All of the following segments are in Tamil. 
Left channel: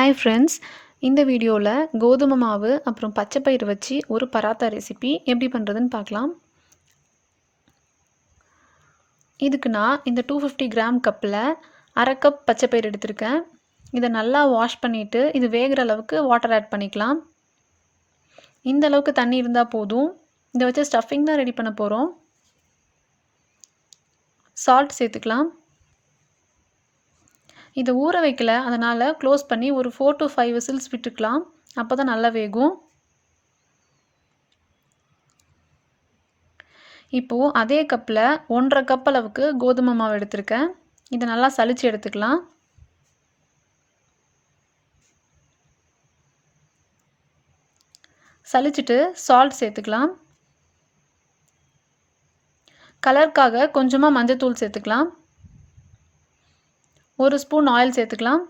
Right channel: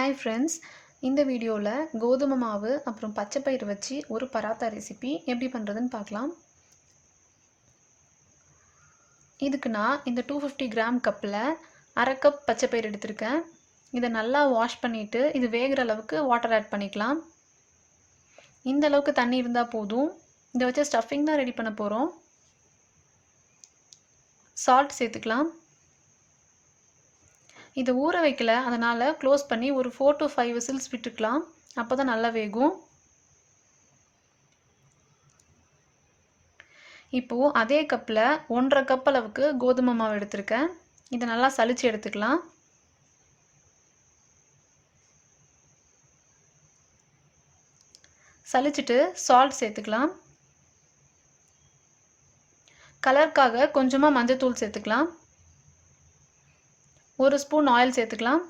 ஹாய் ஃப்ரெண்ட்ஸ், இந்த வீடியோவில் கோதுமை மாவு அப்புறம் பச்சை பயிறு வச்சு ஒரு பராத்தா ரெசிபி எப்படி பண்ணுறதுன்னு பார்க்கலாம். இதுக்கு நான் இந்த 250 கிராம் கப்பில் அரை கப் பச்சை பயிறு எடுத்திருக்கேன். இதை நல்லா வாஷ் பண்ணிவிட்டு இது வேகிற அளவுக்கு வாட்டர் ஆட் பண்ணிக்கலாம். இந்த அளவுக்கு தண்ணி இருந்தால் போதும். இதை வச்சு ஸ்டஃபிங் தான் ரெடி பண்ண போகிறோம். சால்ட் சேர்த்துக்கலாம். இதை ஊற வைக்கல, அதனால் க்ளோஸ் பண்ணி ஒரு 4 to 5 விசில்ஸ் விட்டுக்கலாம். அப்போ தான் நல்லா வேகும். இப்போது அதே கப்பில் 1.5 கப் அளவுக்கு கோதுமை மாவு எடுத்திருக்கேன். இதை நல்லா சலிச்சு எடுத்துக்கலாம். சலிச்சிட்டு சால்ட் சேர்த்துக்கலாம். கலருக்காக கொஞ்சமாக மஞ்சத்தூள் சேர்த்துக்கலாம். 1 ஸ்பூன் ஆயில் சேர்த்துக்கலாம்.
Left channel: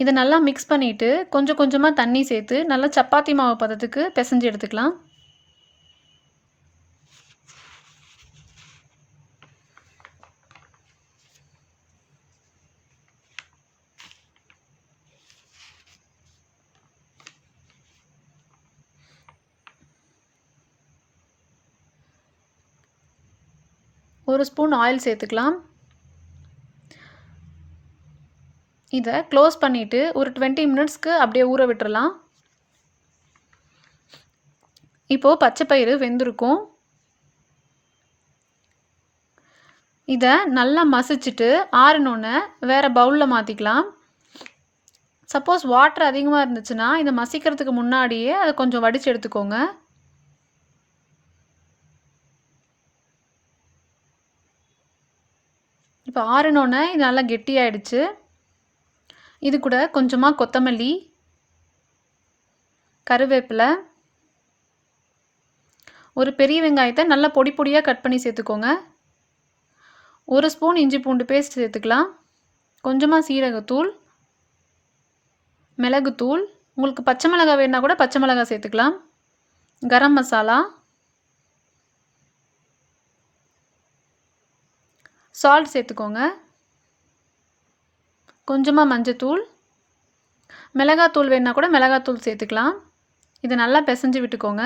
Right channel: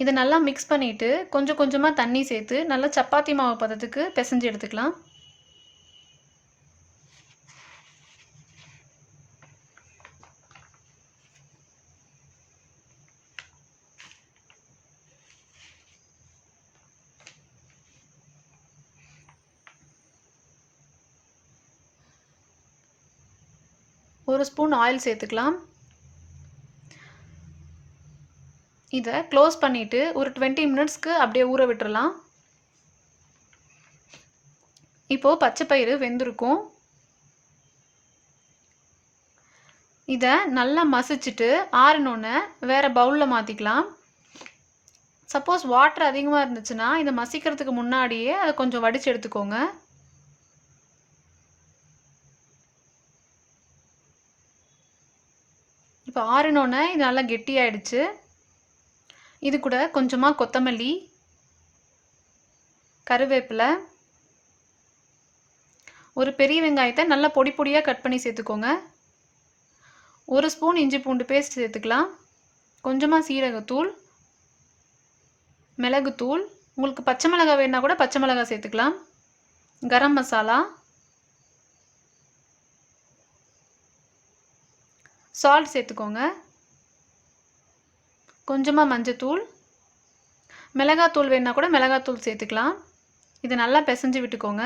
இதை நல்லா மிக்ஸ் பண்ணிவிட்டு கொஞ்சம் கொஞ்சமாக தண்ணி சேர்த்து நல்லா சப்பாத்தி மாவு பதத்துக்கு பிசைஞ்சு எடுத்துக்கலாம். ஒரு ஸ்பூன் ஆயில் சேர்த்துக்கலாம். இதை க்ளோஸ் பண்ணிவிட்டு ஒரு 20 மினிட்ஸ்க்கு அப்படியே ஊற விட்டுறலாம். இப்போது பச்சை பயிறு வெந்திருக்கும். இதை நல்லா மசிச்சுட்டு ஆறினோன்னே வேறு பவுலில் மாற்றிக்கலாம். சப்போஸ் வாட்டர் அதிகமாக இருந்துச்சுன்னா இதை மசிக்கிறதுக்கு முன்னாடியே அதை கொஞ்சம் வடித்து எடுத்துக்கோங்க. இப்போ ஆறினோன்னே இது நல்லா கெட்டியாயிடுச்சு. இது கூட கொஞ்சமாக கொத்தமல்லி, கருவேப்பிலை, ஒரு பெரிய வெங்காயத்தை நல்லா பொடி பொடியாக கட் பண்ணி சேர்த்துக்கோங்க. 1 ஸ்பூன் இஞ்சி பூண்டு பேஸ்ட் சேர்த்துக்கலாம். கொஞ்சமாக சீரகத்தூள், மிளகுத்தூள், உங்களுக்கு பச்சை மிளகாய் வேணால் கூட பச்சை மிளகாய் சேர்த்துக்கலாம். கரம் மசாலா, சால்ட் சேர்த்துக்கோங்க. கொஞ்சமாக மஞ்சத்தூள், மிளகாத்தூள் வேணால் கூட மிளகாத்தூள் சேர்த்துக்கலாம். இதை நல்லா பிசைஞ்சு விட்டுக்கோங்க.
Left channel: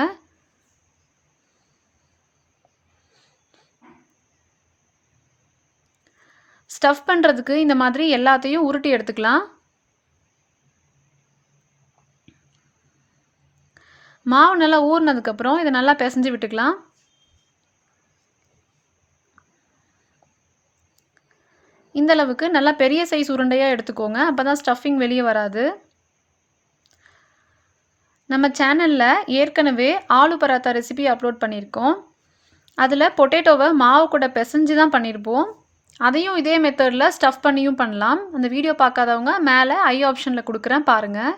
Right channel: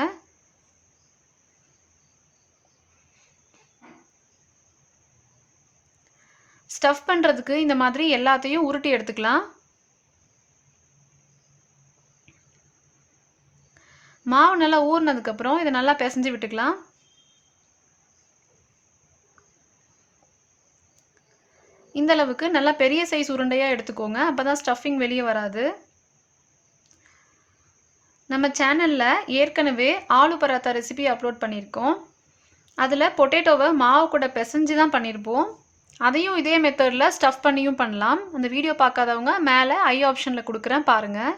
ஸ்டஃப் பண்ணுறதுக்கு இந்த மாதிரி எல்லாத்தையும் உருட்டி எடுத்துக்கலாம். மாவு நல்லா ஊறினதுக்கப்புறம் இதை நல்லா பிசைஞ்சு விட்டுக்கலாம். இந்த அளவுக்கு நல்லா பெரிய சைஸ் உருண்டையாக எடுத்துக்கோங்க. அப்போ தான் ஸ்டஃபிங் வெளியே வராது. நம்ம சேனலில் ஏற்கனவே ஆலு பராத்தா ரெசிபி அப்லோட் பண்ணியிருக்கோம். அதில் பொட்டேட்டோவை மாவு கூட பிசைஞ்சு தான் பண்ணியிருப்போம். அதையும் இதே மெத்தடில் ஸ்டஃப் பண்ணியும் பண்ணலாம். அந்த வீடியோ பார்க்காதவங்க மேலே ஐ ஆப்ஷனில் கொடுக்குறேன், பாருங்கள்.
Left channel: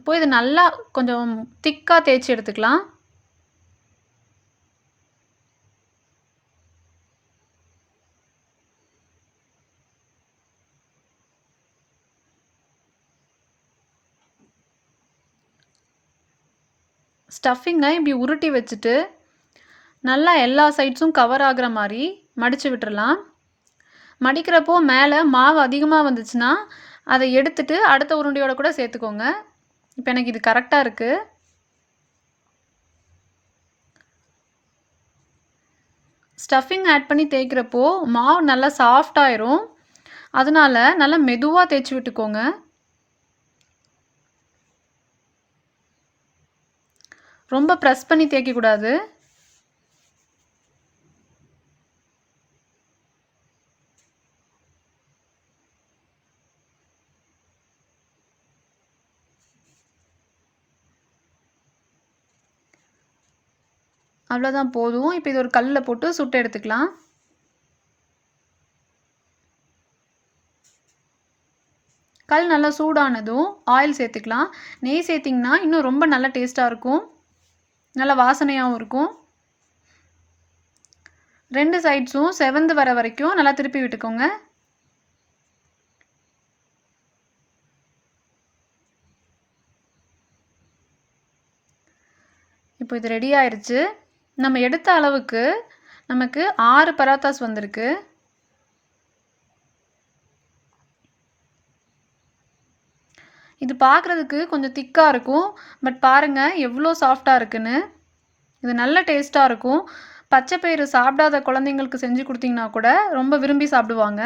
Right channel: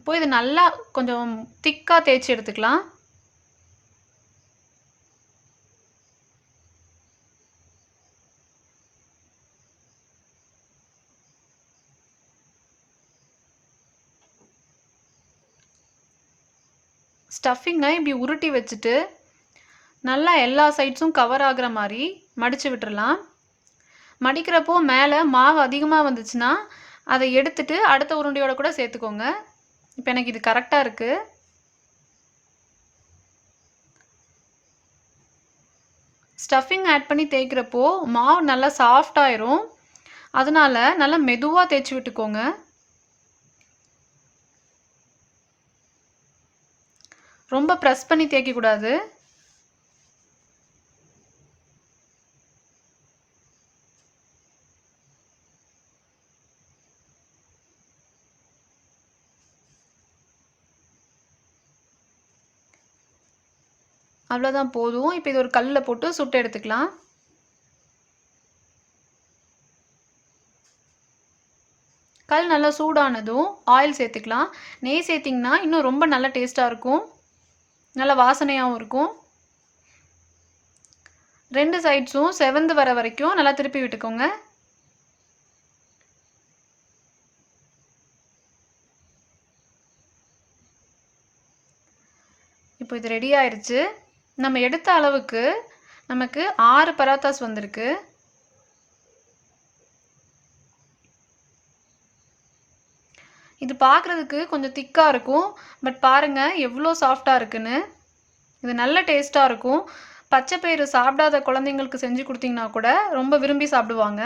இப்போ இது நல்லா கொஞ்சம் திக்காக தேய்ச்சி எடுத்துக்கலாம். ஸ்டஃபிங்கை இப்படி உருட்டி வச்சுட்டு நல்லா எல்லா சைட்ஸும் கவர் ஆகிற மாதிரி மடித்து விட்டுறலாம். மடிக்கிறப்போ மேலே மாவு அதிகமாக வந்துச்சுன்னா அதை எடுத்துட்டு அடுத்த உருண்டையோட கூட சேர்த்துக்கோங்க. இப்போ எனக்கு இது கரெக்டாக இருக்குது. ஸ்டஃபிங் ஆட் பண்ணி தேய்க்கிறப்போ மாவு நல்லா சாஃப்டாயிரும். அதனால நல்லா மெதுவாக தேய்ச்சி விட்டுக்கோங்க. ரொம்ப ப்ரெஸ் பண்ணி தேய்க்கக்கூடாது. அவ்வளோதான், போதும். இப்போ இது ஒரு கல்லில் போட்டு சுட்டு எடுத்துக்கலாம். கல் நல்லா சூடானதும் ஆயில் சேர்த்துக்கலாம். நெய் சேர்த்திங்கன்னா இன்னும் ரொம்ப நல்ல டேஸ்ட்டாக இருக்கும், நல்ல வாசனையாகவும் இருக்கும். 2 சைட்ஸும் செவந்து வர வரைக்கும் நல்லா திருப்பி விட்டுக்கோங்க. இப்போ இது ரெடி ஆயிடுச்சு. நம்ம எடுத்த அளவுக்கு நமக்கு 6 பராத்தாஸ் வந்திருக்கு. இது பார்க்குறதுக்கு கொஞ்சம் திக்காக இருக்கும். பட் பாருங்கள் எவ்வளோ சாஃப்டாக இருக்குன்னு. இது நல்ல டேஸ்ட்டாக இருக்கும். பச்சை பயிறு சாப்பிடாத குழந்தைங்களுக்கு செஞ்சு கொடுத்தீங்கன்னா கூட ரொம்ப விரும்பி சாப்பிடுவாங்க.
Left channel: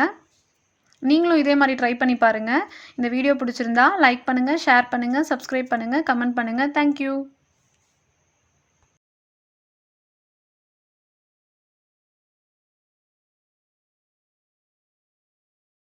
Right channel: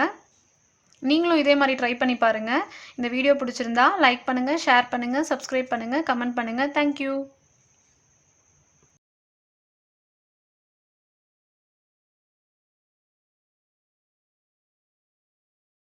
நீங்களும் இதே மாதிரி ட்ரை பண்ணி பாருங்கள். இந்த வீடியோ பிடிச்சிருந்தா லைக் பண்ணுங்கள், ஷேர் பண்ணுங்கள், சப்ஸ்கிரைப் பண்ணுங்கள், கமெண்ட் பண்ணுங்கள். தேங்க்யூ.